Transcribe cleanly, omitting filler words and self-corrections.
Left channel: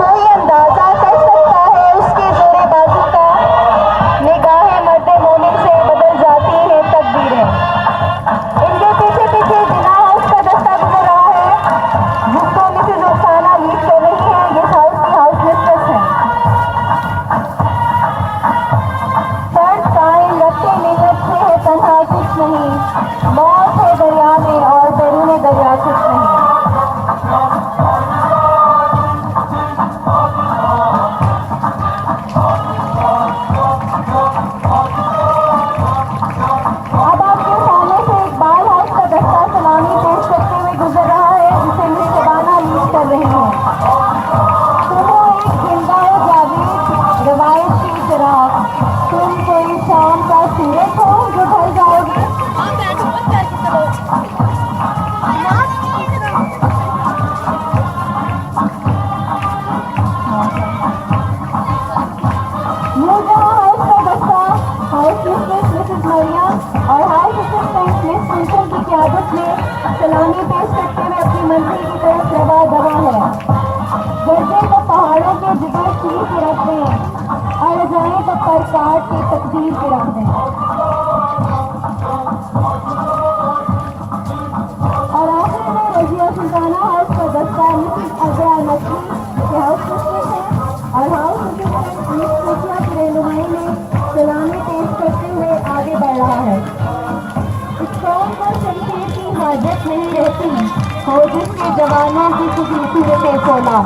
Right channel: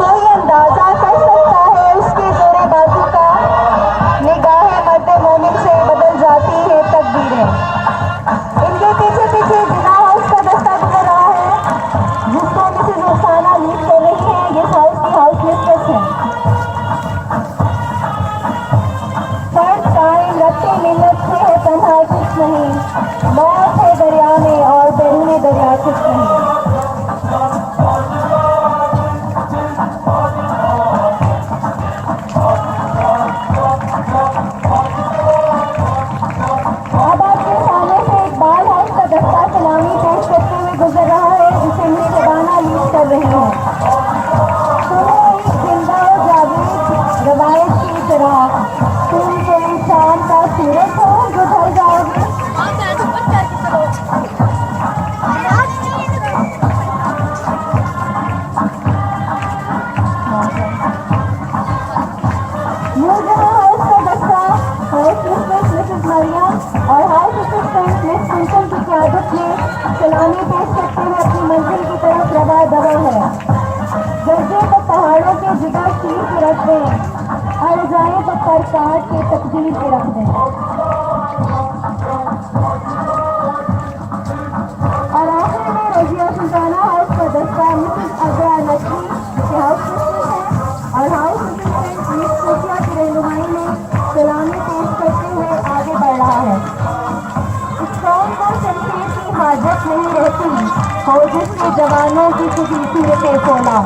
कोई अंदाजा कर सकता है उसकी जोरेबाजी का, निगाहें मद्दे मोमिन से बदल जाती है तकदीरें। इनके पीछे पीछे जिना हाउस का दस्ता गुजर रहा है, जिसको मिसेज रुखसाना लीड कर रही है। ये हाउस की हाउस मिस्ट्रेस है। फर्ज कायम रखते मिन्नत से है तन्हा कुछ नहीं, मौत है दरिया में और बैरूने दरिया कुछ नहीं। अब आपके सामने से एक बाल हाउस का दस्ता सलामी पेश करते हुए गुजर रहा है, जिसे मेरे शबाना लीड कर रही है। सुनो एक जिंदा जावेद रवायत की तरह, तुम कोई शाम का सूरज हो जो ढल जाओगे। मिसेज मरियम और हाउस असिस्टेंट मिस सिंपल की क़यादत में सलामी पेश करते हुए अपनी मंजिल की तरफ रवा दवा है। गर्जे को पहाड़ों के जिगर चीर के रख दें, और जाए तो पर काट के तकदीर के रख दें। और आखिर में रजिया सुल्ताना हाउस का दस्ता मिसेज अजया नकवी के हाउस मिस्ट्रेस है और हाउस असिस्टेंट मिस सोफिया की रहनुमाई में सलामी पेश करते हुए आगे बढ़ रहा है। इस कौम को शमशीर की हाजत नहीं रहती हो, जिसके जवानों की खुशी के सोना।